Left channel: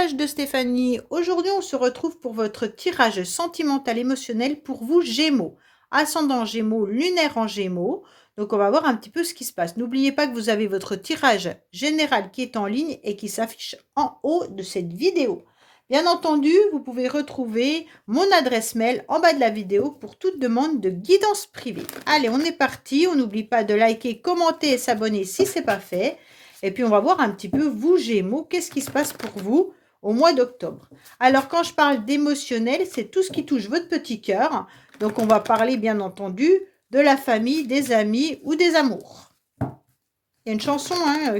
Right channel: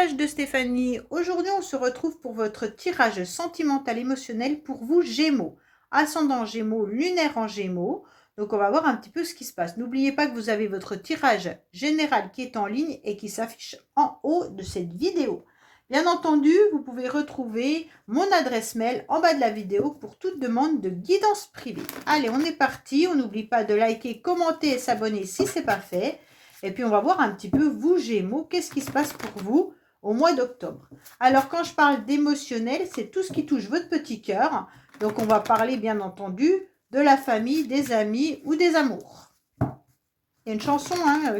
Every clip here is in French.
message de Stéphanie. Aujourd'hui, on se retrouve pour votre tirage sentimental émotionnel pour vous, Gémeaux. Ascendant Gémeaux, lunaire en Gémeaux. Donc, on va voir un petit peu ce qui se passe. N'oubliez pas que vous avez votre tirage général qui est en ligne et qui s'affiche en haut de cette vidéo. Bien entendu, vous pouvez retrouver mon adresse mail en bas de la vidéo pour toute demande de guidance privée. Allez, on est parti. On n'oublie pas de liker, commenter et s'abonner si ce n'est pas fait. Et puis, on va voir un petit peu, vous, Gémeaux, qu'est-ce qui se passe pour vous au mois d'octobre. Alors, quand je parle d'émotionnel, c'est tout ce qui touche votre petit cœur. Donc, on va parler, bien entendu, de la famille, des amis ou des amours. Il y a une chanson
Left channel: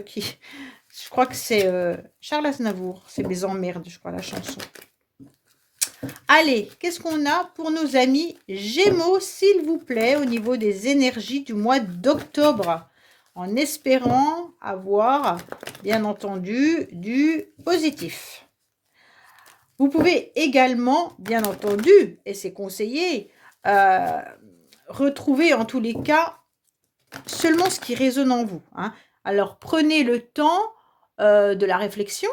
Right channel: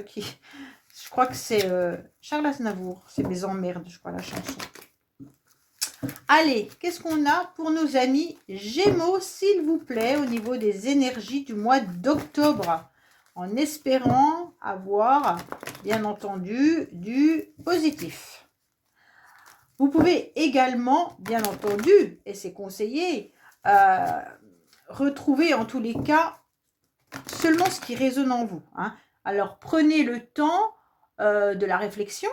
qui... Je crois que c'est Charles Aznavour. C'est mes emmerdes, je crois, la chanson. Allez, qu'est-ce qu'on a pour nos amis Gémeaux, s'il vous plaît, au niveau des énergies du mois d'octobre, en espérant avoir, bien entendu, du positif. Vous pouvez également, bien entendu, et c'est conseillé, retrouver en tous les cas seulement ce qui résonne en vous. Alors, prenez le temps de la réflexion,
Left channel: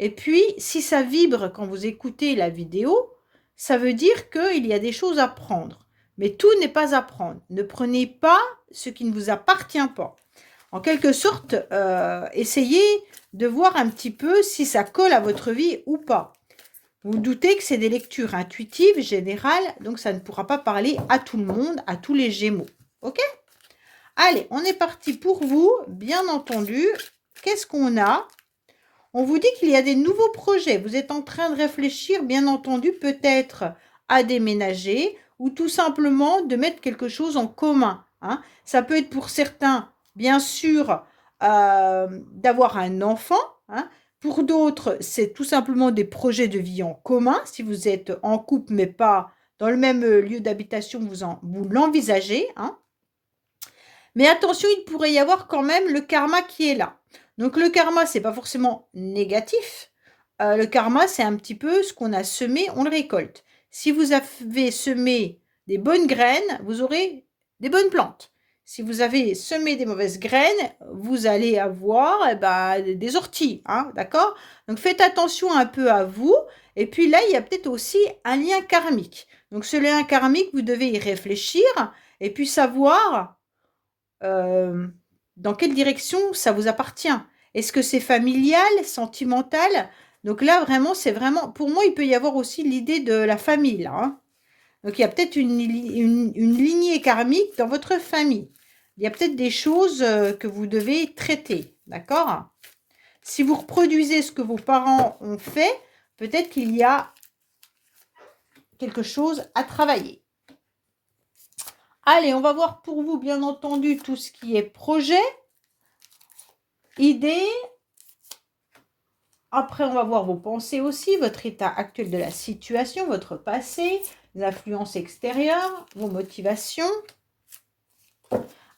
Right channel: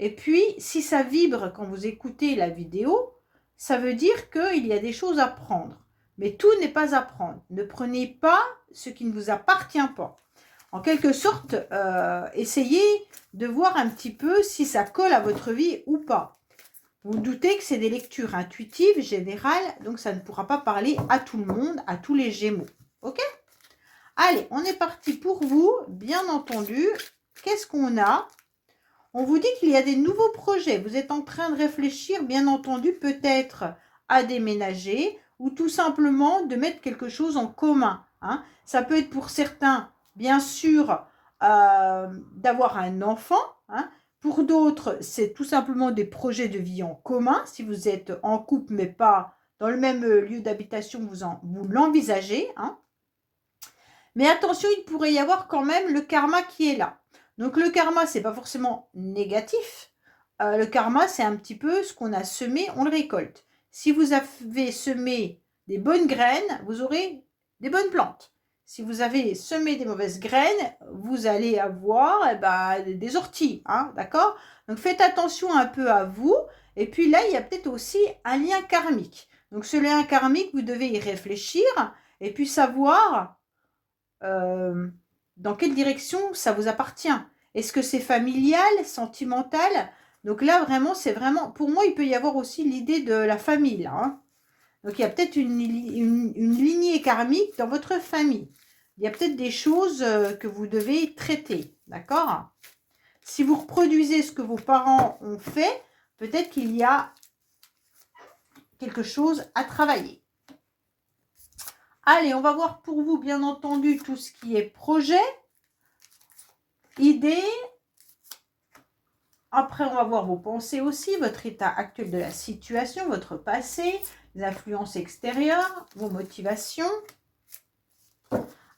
et puis, si ça vibre quand vous écoutez la vidéo, ça veut dire qu'il y a des choses à prendre. Mais tout n'est pas à prendre. Ne prenez pas ce qui ne vous appartient pas. En quelque sorte, essayez de voir un petit peu si ça colle à votre vie ou pas. Vous vous doutez que c'est des lectures intuitives, générales, donc ça ne pourra pas parler à tout le monde, à tous les Gémeaux. Ok? Allez, on est parti pour vous, bien entendu. Qu'est-ce qu'on a? On vous dit qu'il y a des nouveaux projets. Vous êtes en train de réfléchir, bien entendu, peut-être à déménager ou tout simplement de mettre quelque chose en commun. Ça peut être pour certains, bien sûr, d'avoir un enfant. Pour d'autres, c'est tout simplement des projets de vie en commun. Si vous êtes en couple, mais pas dans le même lieu d'habitation, vous l'envisagez. Mais attention, il pourrait y avoir quand même le karma qui est là. Donc, le karma, ce n'est pas forcément négatif. Le karma, c'est un petit peu ce qu'on a semé, on le récolte. Si vous avez semé des bonnes graines, vous aurez des bonnes plantes. Si vous avez semé des mauvaises graines, vous allez avoir des orties. D'accord? Donc, faites attention un peu à vous. Et puis là, il y a peut-être aussi un lien karmique. Donc, ce lien karmique, vous devez y réfléchir et puis savoir dans quelle direction ça vous appartient. Est-ce que c'est familial, sentimental? Donc là, vraiment, c'est vraiment... Pour moi, il peut y avoir aussi l'idée de la famille, là. Donc, il y a peut-être une lignée karmique dans votre famille. Il y a peut-être des choses que vous devez traiter, d'accord? Si vous reproduisez ce que vos parents ont fait, peut-être qu'il y a quelque chose à travailler. Allez, on va voir pour vous, bien entendu, tout ce qui est projet, idée. Après, on va voir vos pensées aussi, votre état actuel de la situation, votre passé, les influences extérieures, vos motivations.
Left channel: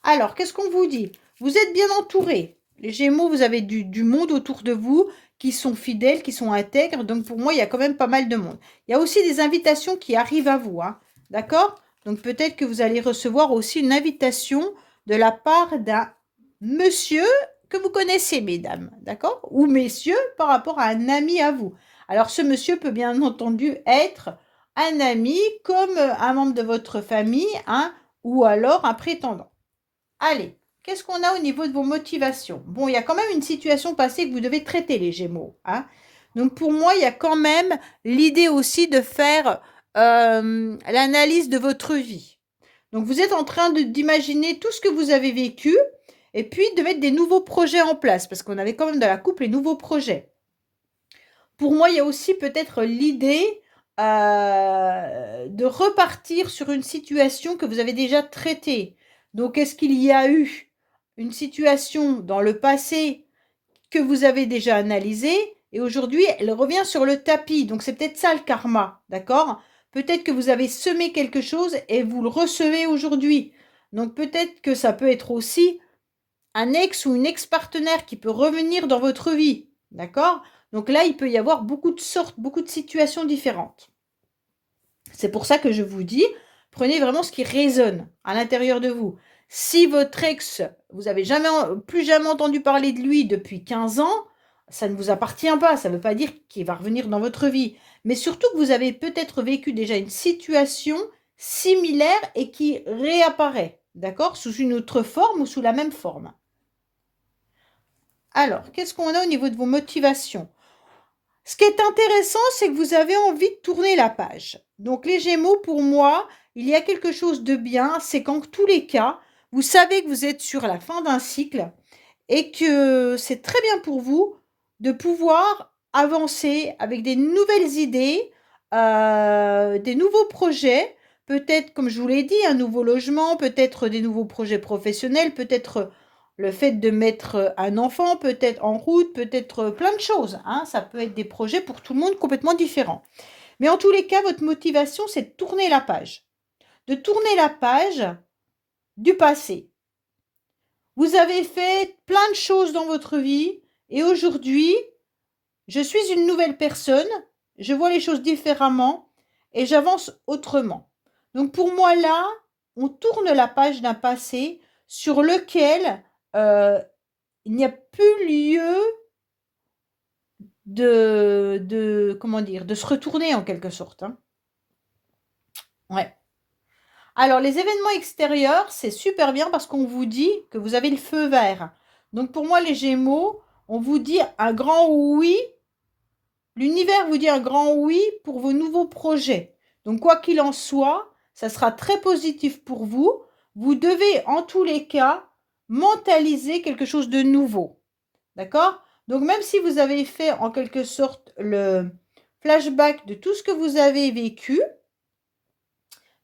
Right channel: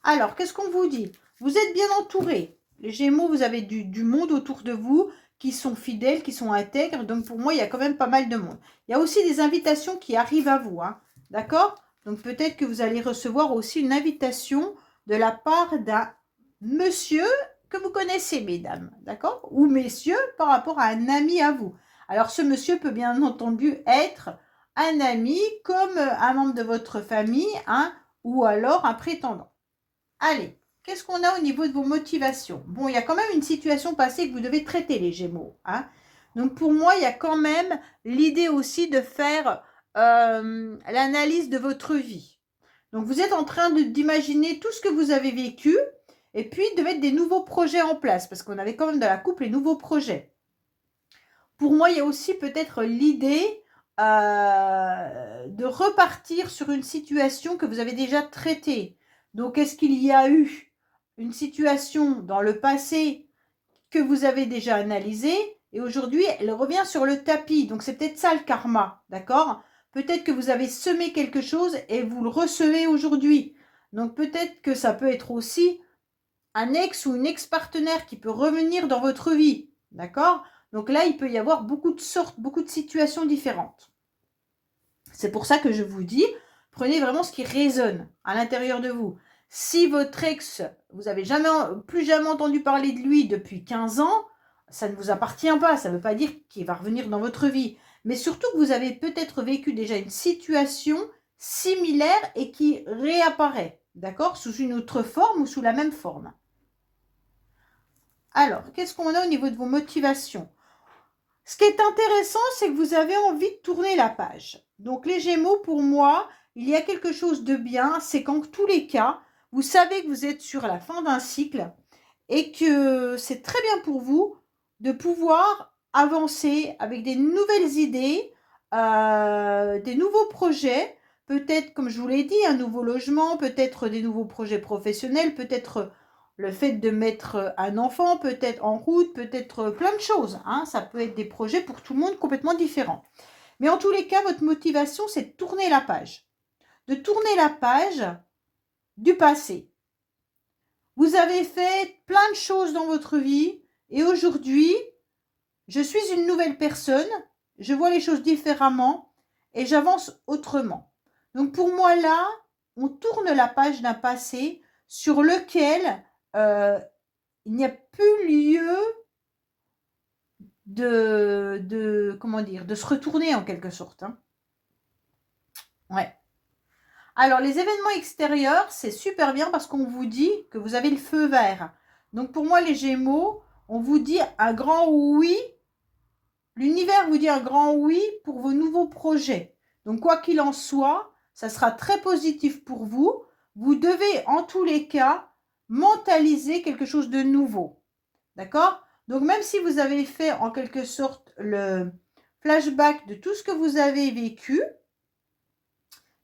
Alors, qu'est-ce qu'on vous dit? Vous êtes bien entouré. Les Gémeaux, vous avez du monde autour de vous qui sont fidèles, qui sont intègres. Donc, pour moi, il y a quand même pas mal de monde. Il y a aussi des invitations qui arrivent à vous. D'accord? Donc, peut-être que vous allez recevoir aussi une invitation de la part d'un monsieur que vous connaissez, mesdames. D'accord? Ou messieurs, par rapport à un ami à vous. Alors, ce monsieur peut bien entendu être un ami comme un membre de votre famille, ou alors un prétendant. Allez, qu'est-ce qu'on a au niveau de vos motivations? Bon, il y a quand même une situation passée que vous devez traiter, les Gémeaux. Donc, pour moi, il y a quand même l'idée aussi de faire l'analyse de votre vie. Donc, vous êtes en train d'imaginer tout ce que vous avez vécu et puis de mettre des nouveaux projets en place parce qu'on avait quand même dans la couple les nouveaux projets. Pour moi, il y a aussi peut-être l'idée de repartir sur une situation que vous avez déjà traitée. Donc, est-ce qu'il y a eu une situation dans le passé que vous avez déjà analysée et aujourd'hui, elle revient sur le tapis. Donc, c'est peut-être ça le karma, d'accord? Peut-être que vous avez semé quelque chose et vous le recevez aujourd'hui. Donc, peut-être que ça peut être aussi un ex ou une ex-partenaire qui peut revenir dans votre vie, d'accord? Donc là, il peut y avoir beaucoup de sortes, beaucoup de situations différentes. C'est pour ça que je vous dis, prenez vraiment ce qui résonne à l'intérieur de vous. Si votre ex, vous n'avez plus jamais entendu parler de lui depuis 15 ans, ça ne vous appartient pas, ça ne veut pas dire qu'il va revenir dans votre vie. Mais surtout que vous avez peut-être vécu déjà une situation similaire et qui réapparaît, d'accord? Sous une autre forme ou sous la même forme. Alors, qu'est-ce qu'on a au niveau de vos motivations? Ce qui est intéressant, c'est que vous avez envie de tourner la page. Donc les Gémeaux, pour moi, il y a quelque chose de bien, c'est qu'en tous les cas, vous savez que vous êtes sur la fin d'un cycle et que c'est très bien pour vous de pouvoir avancer avec des nouvelles idées, des nouveaux projets, peut-être, comme je vous l'ai dit, un nouveau logement, peut-être des nouveaux projets professionnels, peut-être le fait de mettre un enfant peut-être en route, peut-être plein de choses, hein. Ça peut être des projets pour tout le monde complètement différents. Mais en tous les cas, votre motivation, c'est de tourner la page. De tourner la page du passé. Vous avez fait plein de choses dans votre vie et aujourd'hui, je suis une nouvelle personne, je vois les choses différemment et j'avance autrement. Donc pour moi là, on tourne la page d'un passé sur lequel il n'y a plus lieu comment dire, de se retourner en quelque sorte, hein. Ouais. Alors les événements extérieurs, c'est super bien parce qu'on vous dit que vous avez le feu vert. Donc pour moi les Gémeaux, on vous dit un grand oui. L'univers vous dit un grand oui pour vos nouveaux projets. Donc quoi qu'il en soit, ça sera très positif pour vous. Vous devez en tous les cas mentaliser quelque chose de nouveau. D'accord? Donc même si vous avez fait en quelque sorte le flashback de tout ce que vous avez vécu,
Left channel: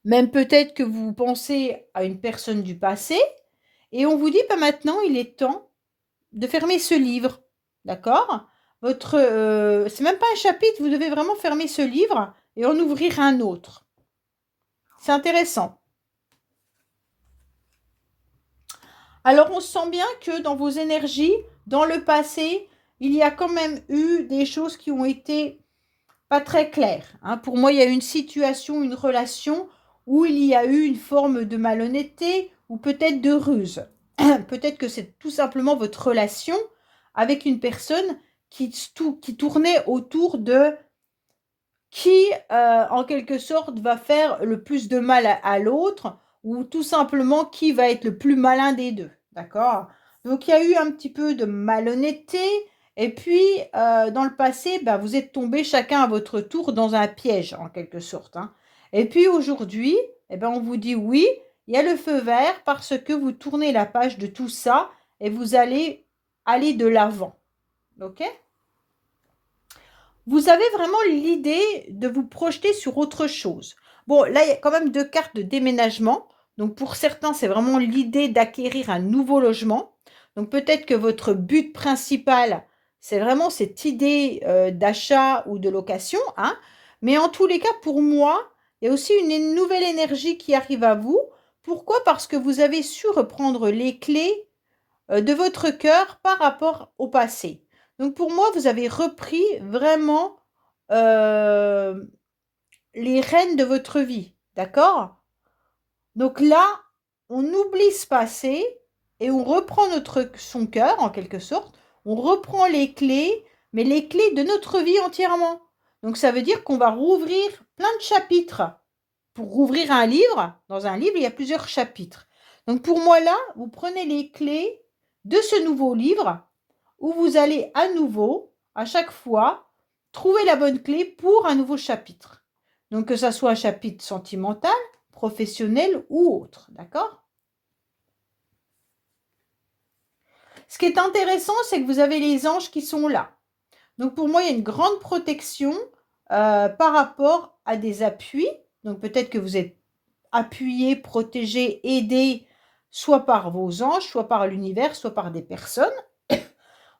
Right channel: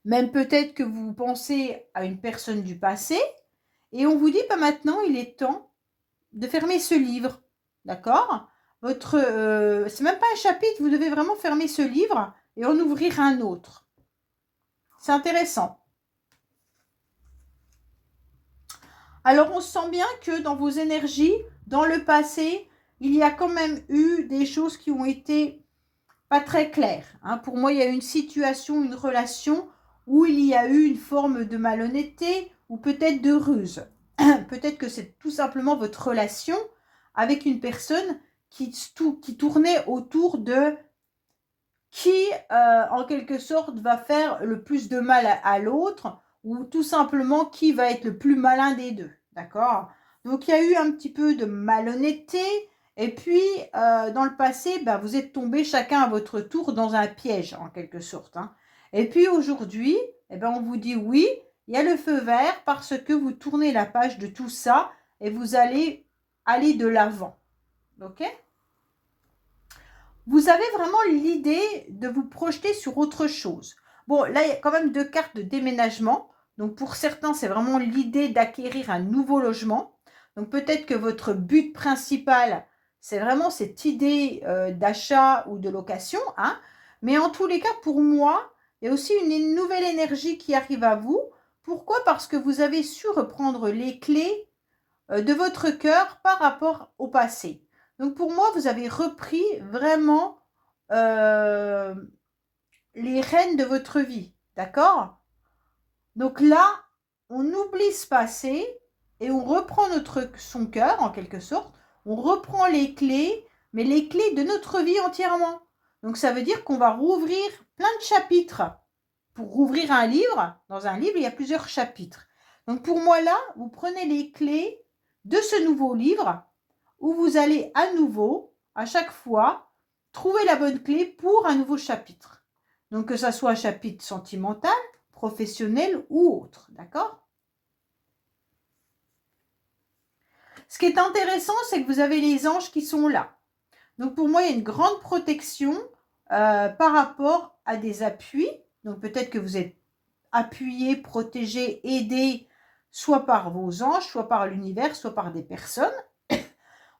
même peut-être que vous pensez à une personne du passé, et on vous dit, bah, maintenant, il est temps de fermer ce livre. D'accord? C'est même pas un chapitre, vous devez vraiment fermer ce livre et en ouvrir un autre. C'est intéressant. Alors, on sent bien que dans vos énergies, dans le passé, il y a quand même eu des choses qui ont été pas très claires, hein. Pour moi, il y a eu une situation, une relation où il y a eu une forme de malhonnêteté ou peut-être de ruse. Peut-être que c'est tout simplement votre relation avec une personne qui tournait autour de qui, en quelque sorte, va faire le plus de mal à l'autre ou tout simplement qui va être le plus malin des deux. D'accord? Donc il y a eu un petit peu de malhonnêteté et puis, dans le passé, bah, vous êtes tombés chacun à votre tour dans un piège en quelque sorte, hein. Et puis aujourd'hui, eh ben, on vous dit oui, il y a le feu vert parce que vous tournez la page de tout ça et vous allez aller de l'avant. OK? Vous avez vraiment l'idée de vous projeter sur autre chose. Bon, là, il y a quand même 2 cartes de déménagement. Donc pour certains, c'est vraiment l'idée d'acquérir un nouveau logement. Donc peut-être que votre but principal, c'est vraiment cette idée, d'achat ou de location, hein. Mais en tous les cas, pour moi, il y a aussi une nouvelle énergie qui arrive à vous. Pourquoi? Parce que vous avez su reprendre les clés de votre cœur par rapport au passé. Donc pour moi, vous avez repris vraiment les rênes de votre vie, d'accord? Donc là, on oublie ce passé et on reprend son cœur en quelque sorte. On reprend les clés, mais les clés de notre vie entièrement. Donc ça veut dire qu'on va rouvrir plein de chapitres. Pour rouvrir un livre, dans un livre, il y a plusieurs chapitres. Donc pour moi là, vous prenez les clés de ce nouveau livre où vous allez à nouveau, à chaque fois, trouver la bonne clé pour un nouveau chapitre. Donc que ça soit un chapitre sentimental, professionnel ou autre, d'accord? Ce qui est intéressant, c'est que vous avez les anges qui sont là. Donc pour moi, il y a une grande protection par rapport à des appuis. Donc peut-être que vous êtes appuyé, protégé, aidé, soit par vos anges, soit par l'univers, soit par des personnes.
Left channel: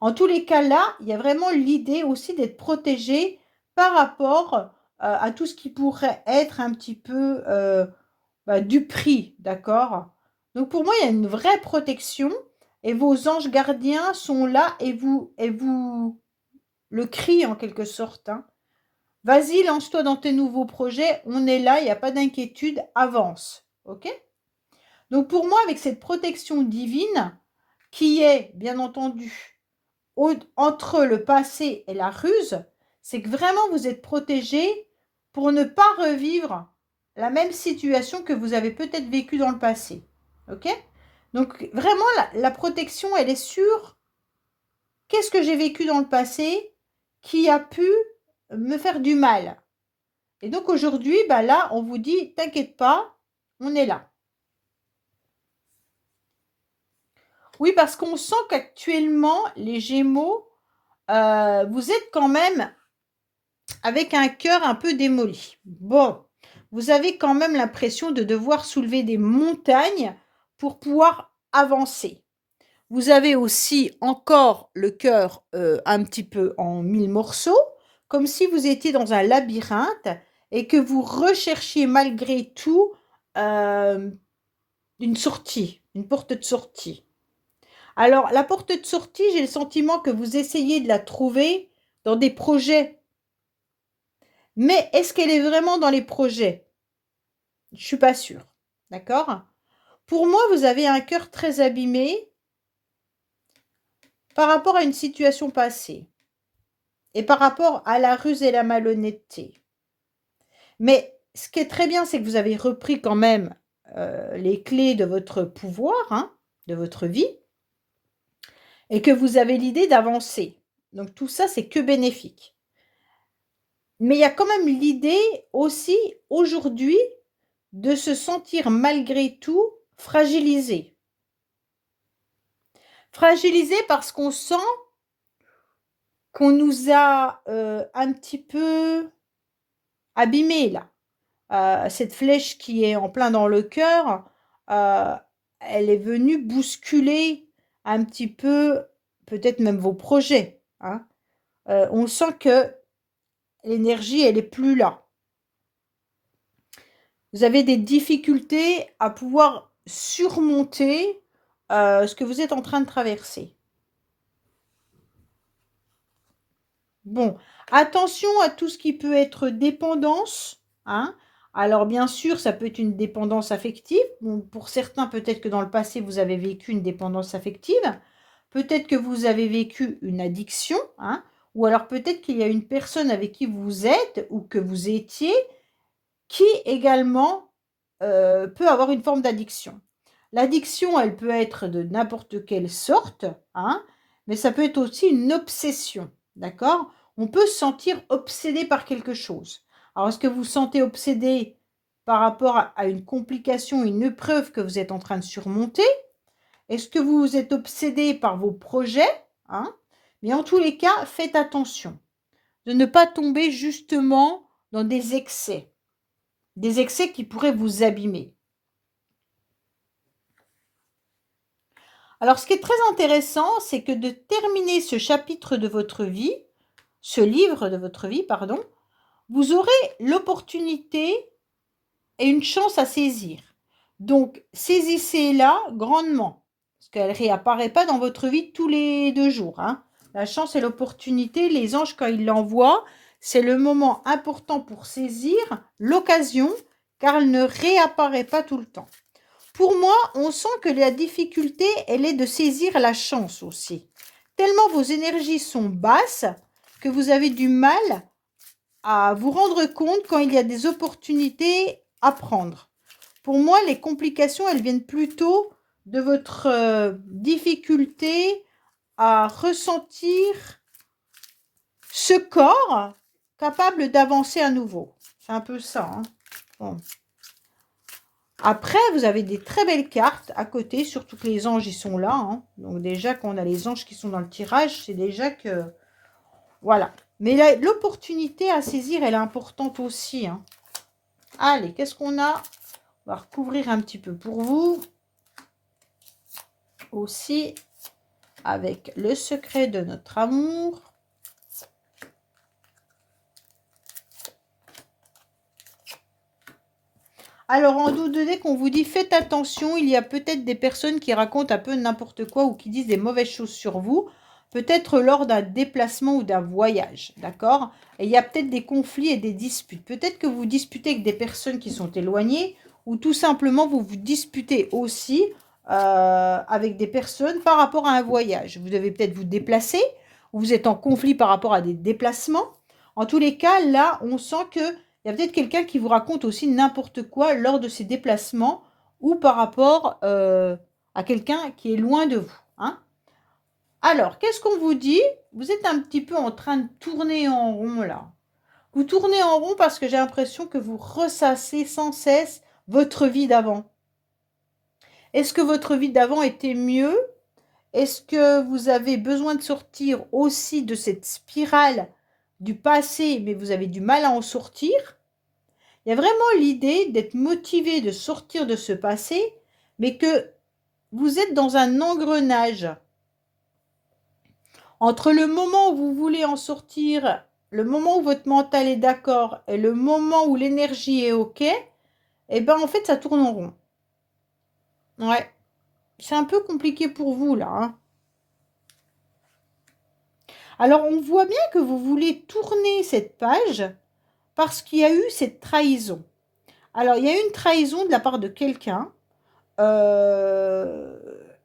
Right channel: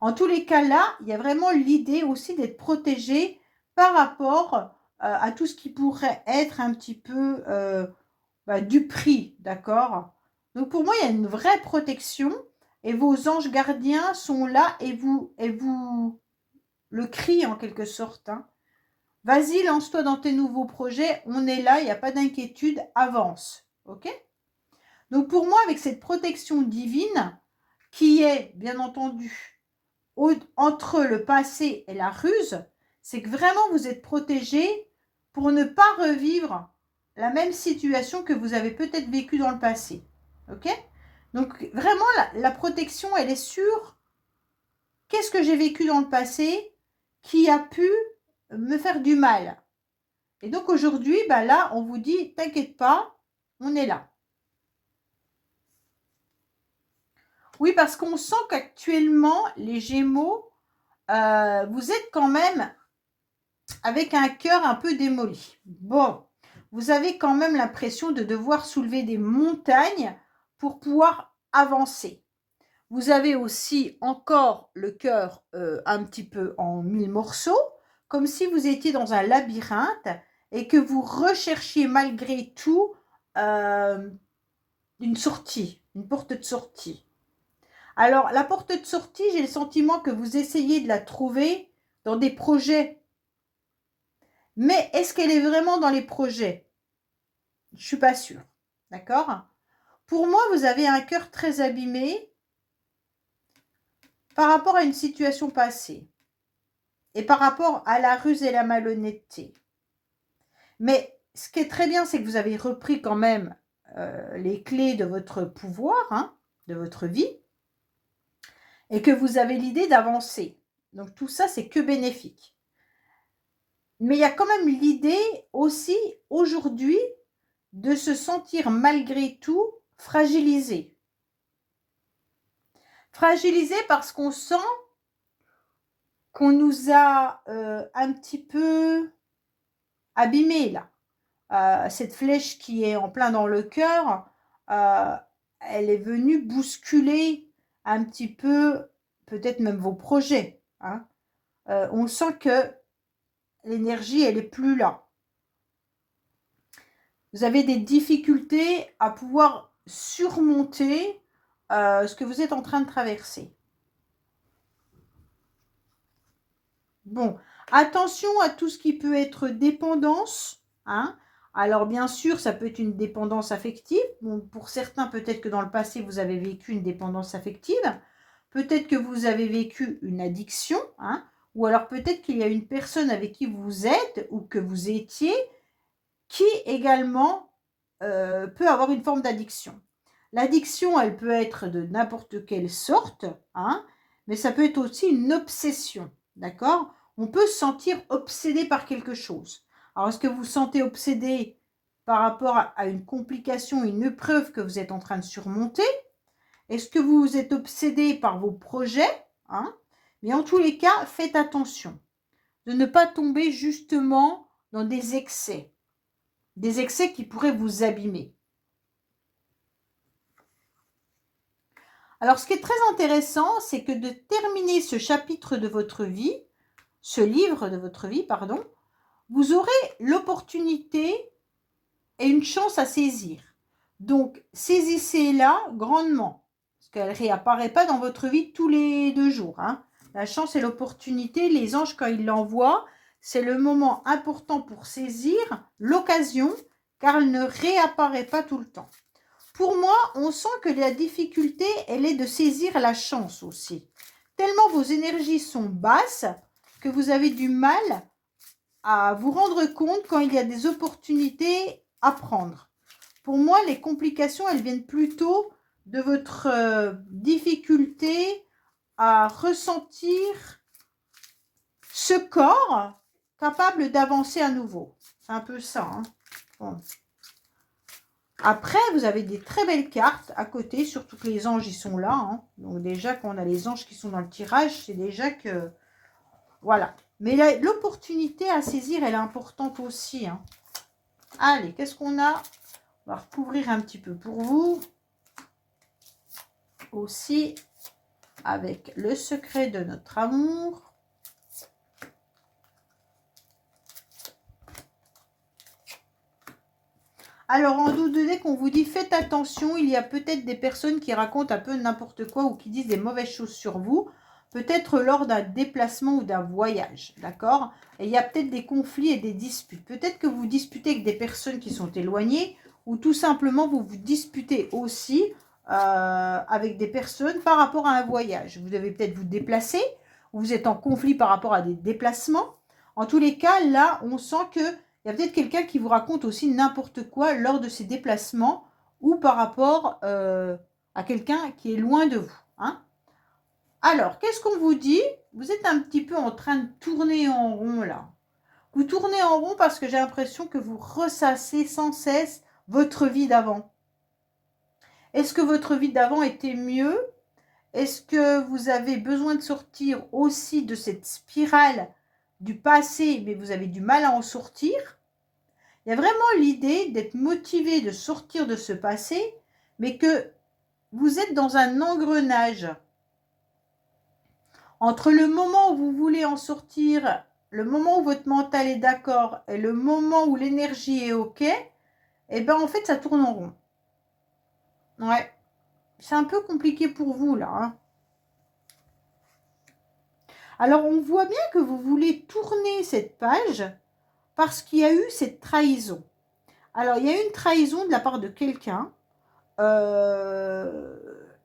En tous les cas, là, il y a vraiment l'idée aussi d'être protégé par rapport à tout ce qui pourrait être un petit peu du prix, d'accord? Donc pour moi, il y a une vraie protection et vos anges gardiens sont là et vous le crient en quelque sorte, hein. Vas-y, lance-toi dans tes nouveaux projets, on est là, il n'y a pas d'inquiétude, avance, ok? Donc pour moi, avec cette protection divine, qui est bien entendu entre le passé et la ruse, c'est que vraiment vous êtes protégé pour ne pas revivre la même situation que vous avez peut-être vécue dans le passé. Ok? Donc vraiment, la protection, elle est sur qu'est-ce que j'ai vécu dans le passé qui a pu me faire du mal. Et donc aujourd'hui, bah là, on vous dit, t'inquiète pas, on est là. Oui, parce qu'on sent qu'actuellement, les Gémeaux, vous êtes quand même avec un cœur un peu démoli. Bon, vous avez quand même l'impression de devoir soulever des montagnes pour pouvoir avancer. Vous avez aussi encore le cœur un petit peu en mille morceaux, comme si vous étiez dans un labyrinthe et que vous recherchiez malgré tout euh, une sortie, une porte de sortie. Alors, la porte de sortie, j'ai le sentiment que vous essayez de la trouver dans des projets. Mais est-ce qu'elle est vraiment dans les projets? Je ne suis pas sûre. D'accord? Pour moi, vous avez un cœur très abîmé par rapport à une situation passée et par rapport à la ruse et la malhonnêteté. Mais ce qui est très bien, c'est que vous avez repris quand même les clés de votre pouvoir, hein, de votre vie, et que vous avez l'idée d'avancer. Donc tout ça, c'est que bénéfique. Mais il y a quand même l'idée aussi, aujourd'hui, de se sentir malgré tout fragilisé. Fragilisé parce qu'on sent qu'on nous a un petit peu abîmé là. Cette flèche qui est en plein dans le cœur, elle est venue bousculer un petit peu, peut-être même vos projets. Hein. On sent que l'énergie, elle est plus là. Vous avez des difficultés à pouvoir surmonter ce que vous êtes en train de traverser. Bon, attention à tout ce qui peut être dépendance, hein. Alors bien sûr, ça peut être une dépendance affective. Bon, pour certains, peut-être que dans le passé, vous avez vécu une dépendance affective. Peut-être que vous avez vécu une addiction, hein. Ou alors peut-être qu'il y a une personne avec qui vous êtes ou que vous étiez qui également peut avoir une forme d'addiction. L'addiction, elle peut être de n'importe quelle sorte, hein, mais ça peut être aussi une obsession, d'accord? On peut se sentir obsédé par quelque chose. Alors, est-ce que vous vous sentez obsédé par rapport à une complication, une épreuve que vous êtes en train de surmonter? Est-ce que vous êtes obsédé par vos projets, hein? Mais en tous les cas, faites attention de ne pas tomber justement dans des excès qui pourraient vous abîmer. Alors, ce qui est très intéressant, c'est que de terminer ce chapitre de votre vie, ce livre de votre vie, pardon, vous aurez l'opportunité et une chance à saisir. Donc, saisissez-la grandement, parce qu'elle ne réapparaît pas dans votre vie tous les 2 jours. Hein. La chance et l'opportunité, les anges, quand ils l'envoient, c'est le moment important pour saisir l'occasion, car elle ne réapparaît pas tout le temps. Pour moi, on sent que la difficulté, elle est de saisir la chance aussi. Tellement vos énergies sont basses que vous avez du mal à vous rendre compte quand il y a des opportunités à prendre. Pour moi, les complications, elles viennent plutôt de votre difficulté à ressentir ce corps capable d'avancer à nouveau. C'est un peu ça. Hein. Bon. Après, vous avez des très belles cartes à côté, surtout que les anges, ils sont là. Hein. Donc déjà, quand on a les anges qui sont dans le tirage, c'est déjà que... Voilà. Mais l'opportunité à saisir, elle est importante aussi. Hein. Allez, qu'est-ce qu'on a? On va recouvrir un petit peu pour vous. Aussi, avec le secret de notre amour. Alors, en dos de deck, on vous dit, faites attention, il y a peut-être des personnes qui racontent un peu n'importe quoi ou qui disent des mauvaises choses sur vous, peut-être lors d'un déplacement ou d'un voyage, d'accord? Et il y a peut-être des conflits et des disputes. Peut-être que vous vous disputez avec des personnes qui sont éloignées ou tout simplement vous vous disputez aussi avec des personnes par rapport à un voyage. Vous devez peut-être vous déplacer, ou vous êtes en conflit par rapport à des déplacements. En tous les cas, là, on sent qu'il y a peut-être quelqu'un qui vous raconte aussi n'importe quoi lors de ces déplacements ou par rapport à quelqu'un qui est loin de vous. Hein. Alors, qu'est-ce qu'on vous dit? Vous êtes un petit peu en train de tourner en rond là. Vous tournez en rond parce que j'ai l'impression que vous ressassez sans cesse votre vie d'avant. Est-ce que votre vie d'avant était mieux? Est-ce que vous avez besoin de sortir aussi de cette spirale du passé, mais vous avez du mal à en sortir? Il y a vraiment l'idée d'être motivé de sortir de ce passé, mais que vous êtes dans un engrenage. Entre le moment où vous voulez en sortir, le moment où votre mental est d'accord et le moment où l'énergie est OK, eh bien, en fait, ça tourne en rond. Ouais. C'est un peu compliqué pour vous, là. Hein. Alors, on voit bien que vous voulez tourner cette page parce qu'il y a eu cette trahison. Alors, il y a eu une trahison de la part de quelqu'un.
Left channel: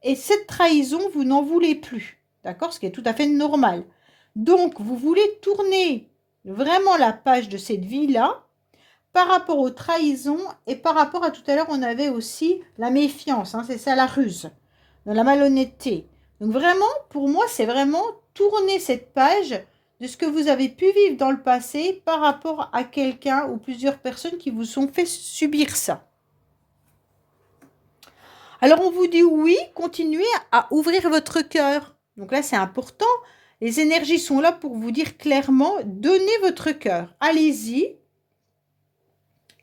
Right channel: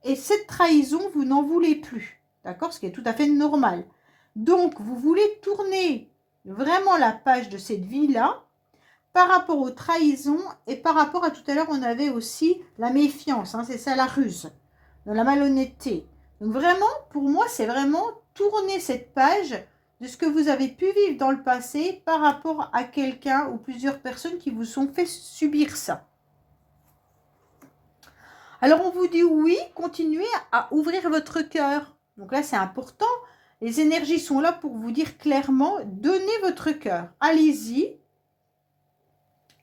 Et cette trahison, vous n'en voulez plus. D'accord? Ce qui est tout à fait normal. Donc, vous voulez tourner vraiment la page de cette vie-là par rapport aux trahisons et par rapport à tout à l'heure, on avait aussi la méfiance. Hein, c'est ça, la ruse, la malhonnêteté. Donc, vraiment, pour moi, c'est vraiment tourner cette page de ce que vous avez pu vivre dans le passé par rapport à quelqu'un ou plusieurs personnes qui vous ont fait subir ça. Alors, on vous dit oui, continuez à ouvrir votre cœur. Donc là, c'est important. Les énergies sont là pour vous dire clairement, donnez votre cœur. Allez-y.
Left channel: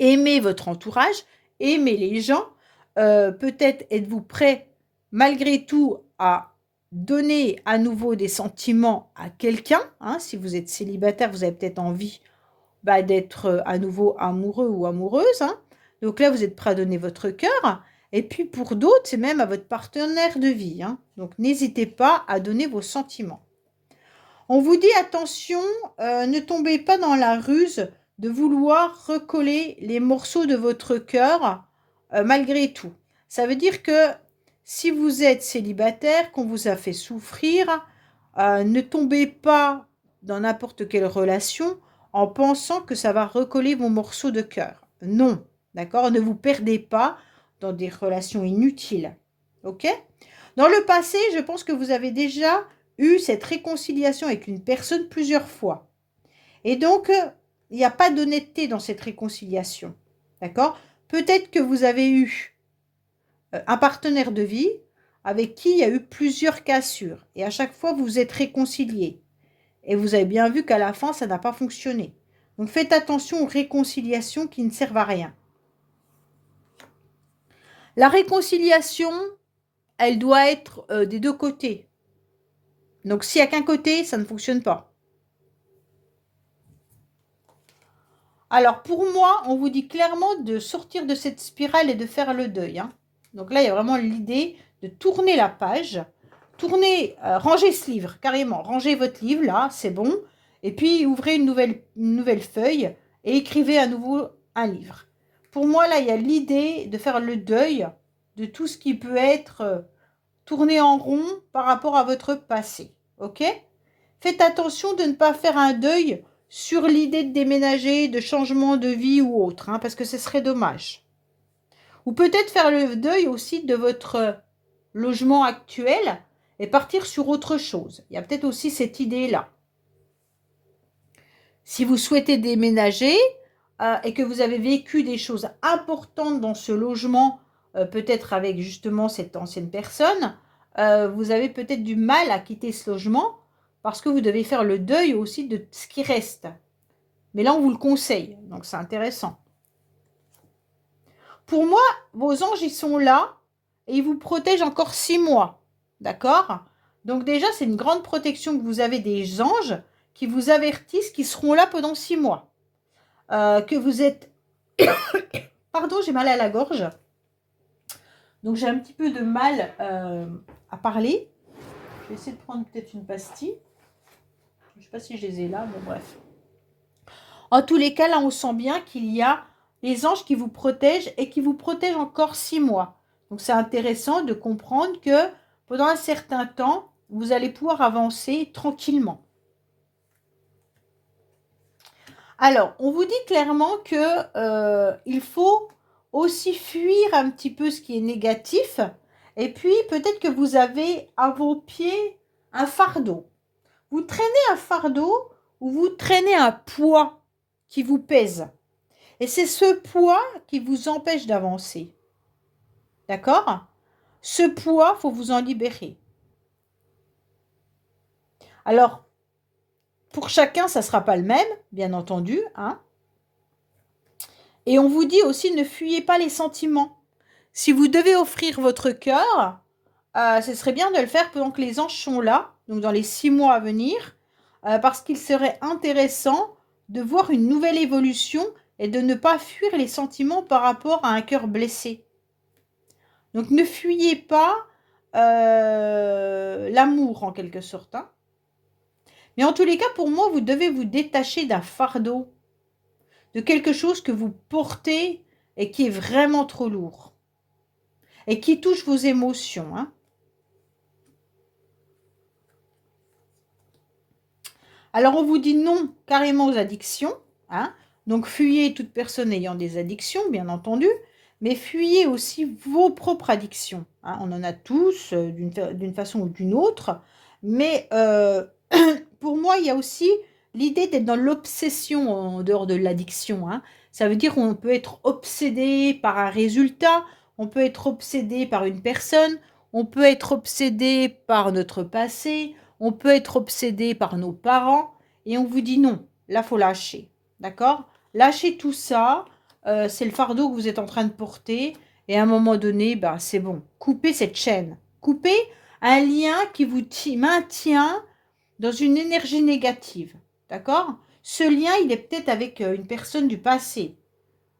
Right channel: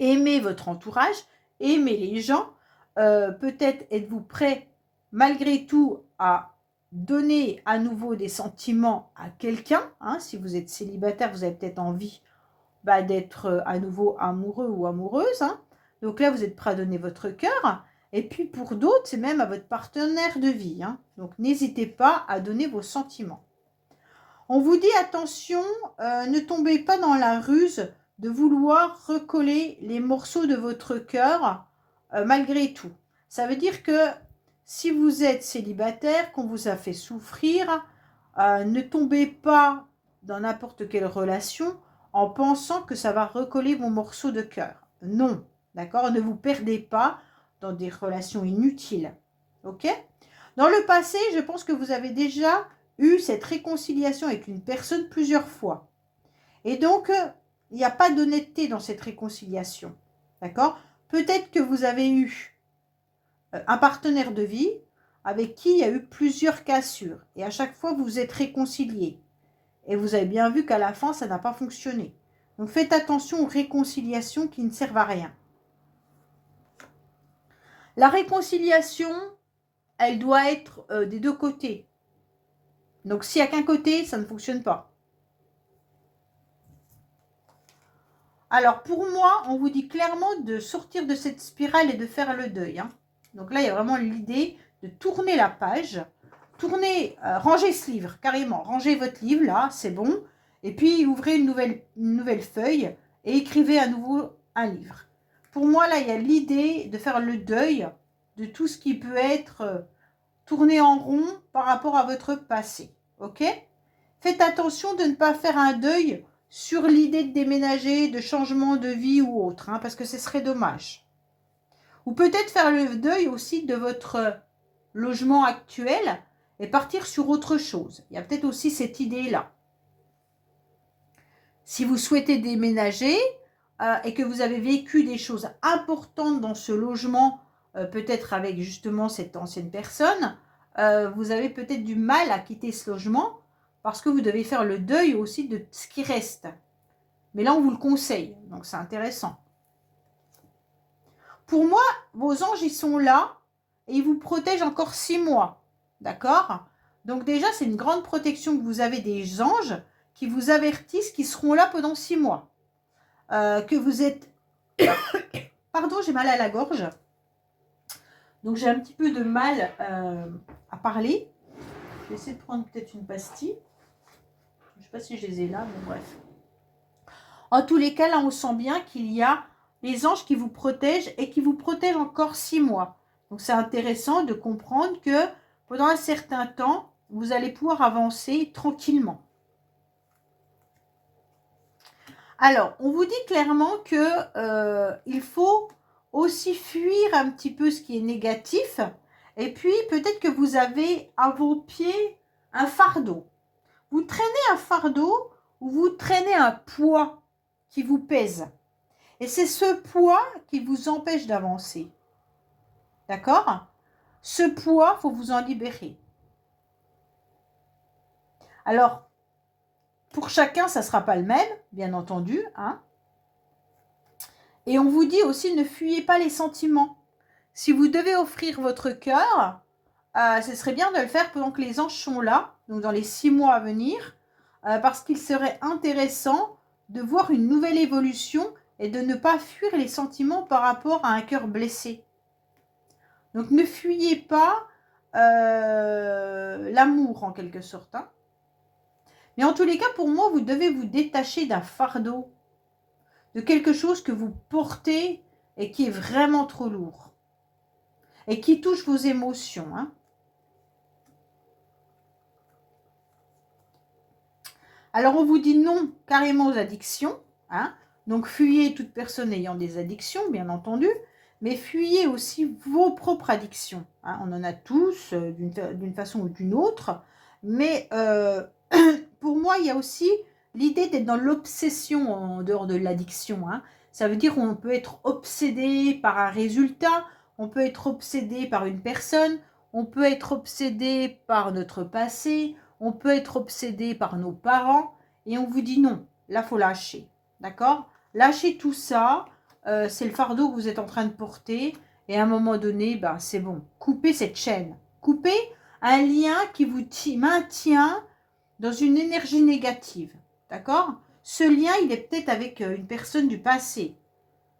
Aimez votre entourage, aimez les gens. Peut-être êtes-vous prêt, malgré tout, à donner à nouveau des sentiments à quelqu'un. Hein, si vous êtes célibataire, vous avez peut-être envie d'être à nouveau amoureux ou amoureuse. Hein. Donc là, vous êtes prêt à donner votre cœur. Et puis pour d'autres, c'est même à votre partenaire de vie. Hein. Donc n'hésitez pas à donner vos sentiments. On vous dit attention, ne tombez pas dans la ruse de vouloir recoller les morceaux de votre cœur malgré tout. Ça veut dire que si vous êtes célibataire, qu'on vous a fait souffrir, ne tombez pas dans n'importe quelle relation en pensant que ça va recoller vos morceaux de cœur. Non, d'accord? Ne vous perdez pas dans des relations inutiles. Ok? Dans le passé, je pense que vous avez déjà eu cette réconciliation avec une personne plusieurs fois. Et donc, il n'y a pas d'honnêteté dans cette réconciliation. D'accord? Peut-être que vous avez eu un partenaire de vie avec qui il y a eu plusieurs cassures. Et à chaque fois, vous vous êtes réconciliés. Et vous avez bien vu qu'à la fin, ça n'a pas fonctionné. Donc, faites attention aux réconciliations qui ne servent à rien. La réconciliation, elle doit être des deux côtés. Donc, s'il n'y a qu'un côté, ça ne fonctionne pas. Alors, pour moi, on vous dit clairement de sortir de cette spirale et de faire le deuil. Hein. Donc là, il y a vraiment l'idée de tourner la page. Tournez, rangez ce livre, carrément. Rangez votre livre, là, c'est bon. Et puis, ouvrez une nouvelle feuille et écrivez à nouveau un livre. Pour moi, là, il y a l'idée de faire le deuil de tout ce qui peut être tourné en rond par rapport à votre passé. Ok? Faites attention de ne pas faire un deuil sur l'idée de déménager, de changement de vie ou autre, hein, parce que ce serait dommage. Ou peut-être faire le deuil aussi de votre logement actuel et partir sur autre chose. Il y a peut-être aussi cette idée-là. Si vous souhaitez déménager et que vous avez vécu des choses importantes dans ce logement, peut-être avec justement cette ancienne personne, vous avez peut-être du mal à quitter ce logement parce que vous devez faire le deuil aussi de ce qui reste. Mais là, on vous le conseille, donc c'est intéressant. Pour moi, vos anges, ils sont là et ils vous protègent encore 6 mois. D'accord? Donc déjà, c'est une grande protection que vous avez des anges qui vous avertissent qu'ils seront là pendant 6 mois. Que vous êtes... Pardon, j'ai mal à la gorge. Donc j'ai un petit peu de mal à parler. Je vais essayer de prendre peut-être une pastille. Je ne sais pas si je les ai là, mais bref. En tous les cas, là, on sent bien qu'il y a les anges qui vous protègent et qui vous protègent encore 6 mois. Donc, c'est intéressant de comprendre que pendant un certain temps, vous allez pouvoir avancer tranquillement. Alors, on vous dit clairement que il faut aussi fuir un petit peu ce qui est négatif. Et puis, peut-être que vous avez à vos pieds un fardeau. Vous traînez un fardeau ou vous traînez un poids qui vous pèse. Et c'est ce poids qui vous empêche d'avancer. D'accord? Ce poids, il faut vous en libérer. Alors, pour chacun, ça ne sera pas le même, bien entendu, hein. Et on vous dit aussi, ne fuyez pas les sentiments. Si vous devez offrir votre cœur, ce serait bien de le faire pendant que les anges sont là, donc dans les 6 mois à venir, parce qu'il serait intéressant de voir une nouvelle évolution et de ne pas fuir les sentiments par rapport à un cœur blessé. Donc ne fuyez pas l'amour en quelque sorte, hein. Mais en tous les cas, pour moi, vous devez vous détacher d'un fardeau, de quelque chose que vous portez et qui est vraiment trop lourd et qui touche vos émotions, hein. Alors on vous dit non carrément aux addictions, hein. Donc fuyez toute personne ayant des addictions, bien entendu, mais fuyez aussi vos propres addictions, hein. On en a tous d'une façon ou d'une autre, mais pour moi, il y a aussi l'idée d'être dans l'obsession en dehors de l'addiction, hein. Ça veut dire qu'on peut être obsédé par un résultat, on peut être obsédé par une personne, on peut être obsédé par notre passé, on peut être obsédé par nos parents et on vous dit non, là, faut lâcher. D'accord? Lâchez tout ça, c'est le fardeau que vous êtes en train de porter et à un moment donné, bah, c'est bon. Coupez cette chaîne. Coupez un lien qui vous maintient dans une énergie négative. D'accord? Ce lien, il est peut-être avec une personne du passé.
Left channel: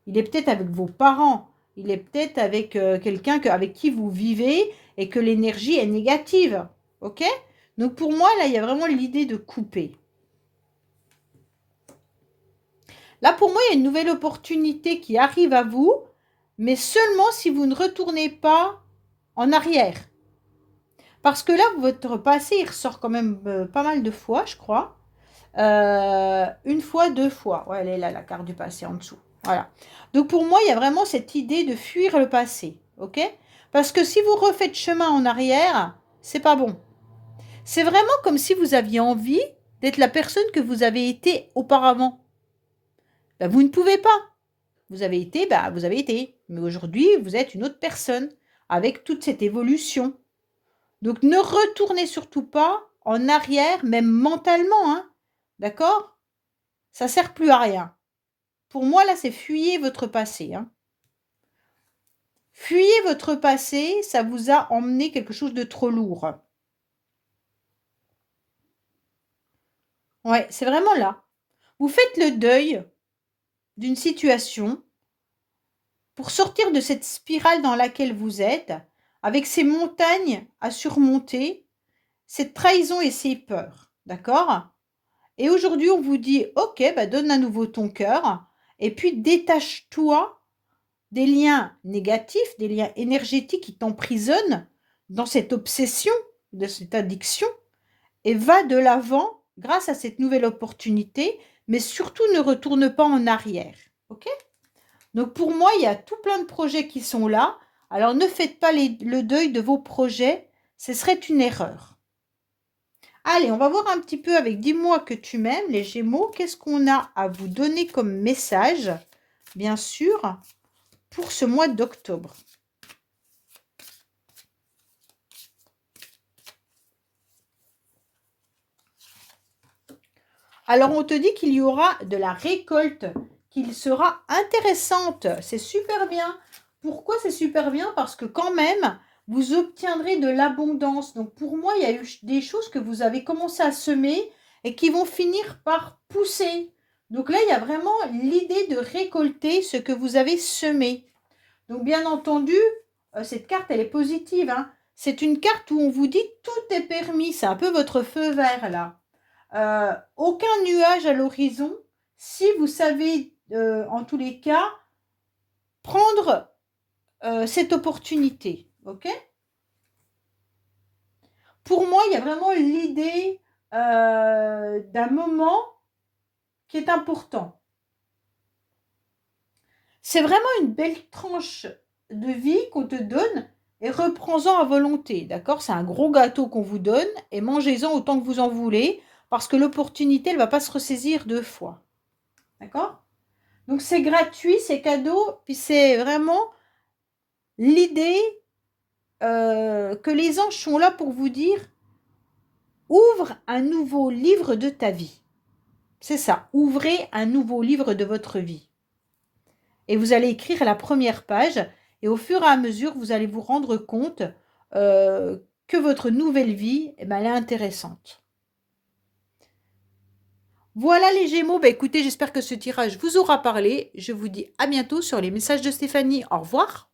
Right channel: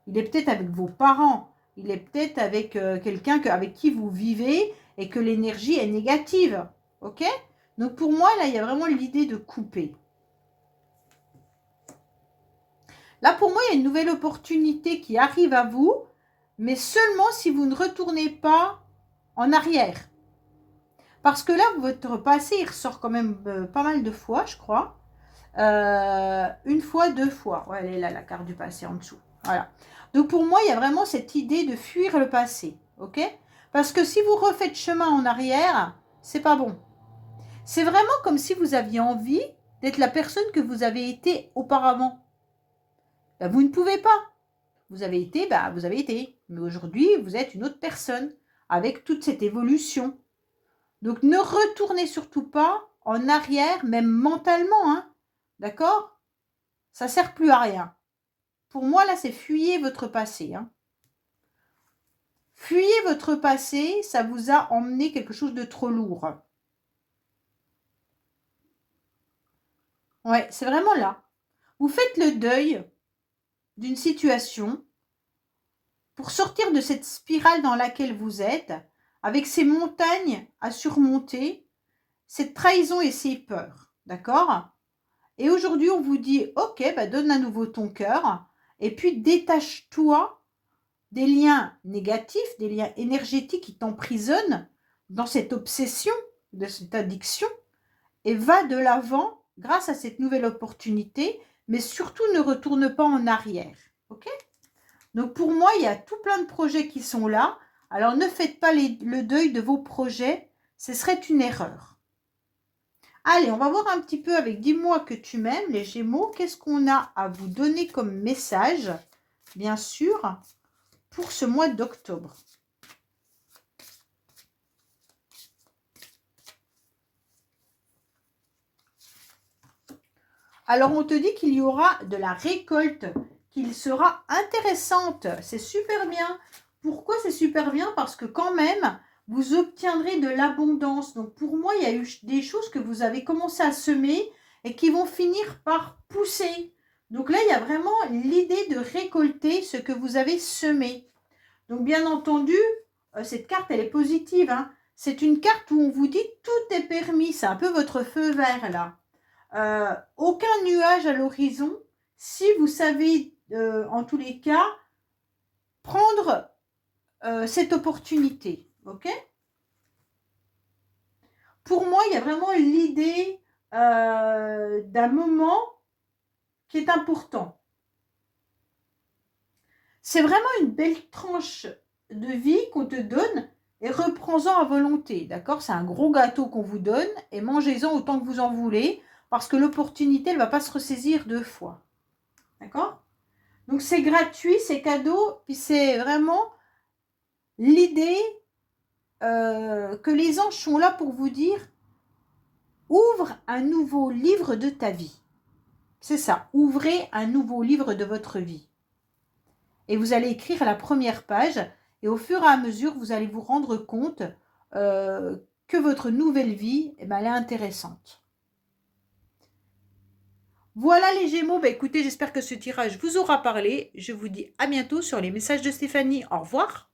Il est peut-être avec vos parents. Il est peut-être avec quelqu'un avec qui vous vivez et que l'énergie est négative. Ok? Donc pour moi, là, il y a vraiment l'idée de couper. Là, pour moi, il y a une nouvelle opportunité qui arrive à vous, mais seulement si vous ne retournez pas en arrière. Parce que là, votre passé, il ressort quand même pas mal de fois, je crois. Une fois, 2 fois. Ouais, elle est là, la carte du passé en dessous. Voilà. Donc pour moi, il y a vraiment cette idée de fuir le passé. Ok? Parce que si vous refaites chemin en arrière, c'est pas bon. C'est vraiment comme si vous aviez envie d'être la personne que vous avez été auparavant. Ben, vous ne pouvez pas. Vous avez été, ben, vous avez été. Mais aujourd'hui, vous êtes une autre personne avec toute cette évolution. Donc ne retournez surtout pas en arrière, même mentalement, hein. D'accord? Ça ne sert plus à rien. Pour moi, là, c'est fuyez votre passé, hein. Fuyez votre passé, ça vous a emmené quelque chose de trop lourd. Ouais, c'est vraiment là. Vous faites le deuil d'une situation pour sortir de cette spirale dans laquelle vous êtes, avec ces montagnes à surmonter, cette trahison et ces peurs. D'accord? Et aujourd'hui, on vous dit, ok, bah donne à nouveau ton cœur, et puis détache-toi des liens négatifs, des liens énergétiques qui t'emprisonnent dans cette obsession, de cette addiction, et va de l'avant grâce à cette nouvelle opportunité, mais surtout ne retourne pas en arrière. Ok? Donc pour moi, il y a tout plein de projets qui sont là. Alors ne faites pas le deuil de vos projets, ce serait une erreur. Allez, on va voir un petit peu avec dis-moi que tu m'aimes, les Gémeaux. Qu'est-ce qu'on a à vous donner comme message, bien sûr, pour ce mois d'octobre? Alors, on te dit qu'il y aura de la récolte, qu'il sera intéressante. C'est super bien. Pourquoi c'est super bien? Parce que quand même, vous obtiendrez de l'abondance. Donc, pour moi, il y a eu des choses que vous avez commencé à semer et qui vont finir par pousser. Donc là, il y a vraiment l'idée de récolter ce que vous avez semé. Donc, bien entendu, cette carte, elle est positive, hein. C'est une carte où on vous dit tout est permis. C'est un peu votre feu vert, là. Aucun nuage à l'horizon si vous savez, en tous les cas, prendre cette opportunité. Ok? Pour moi, il y a vraiment l'idée d'un moment qui est important. C'est vraiment une belle tranche de vie qu'on te donne et reprends-en à volonté, d'accord? C'est un gros gâteau qu'on vous donne et mangez-en autant que vous en voulez parce que l'opportunité, elle ne va pas se ressaisir 2 fois, d'accord? Donc c'est gratuit, c'est cadeau, puis c'est vraiment l'idée que les anges sont là pour vous dire ouvre un nouveau livre de ta vie. C'est ça, ouvrez un nouveau livre de votre vie. Et vous allez écrire la première page et au fur et à mesure, vous allez vous rendre compte euh, que votre nouvelle vie, eh ben, elle est intéressante. Voilà les Gémeaux, bah, écoutez, j'espère que ce tirage vous aura parlé. Je vous dis à bientôt sur les messages de Stéphanie. Au revoir.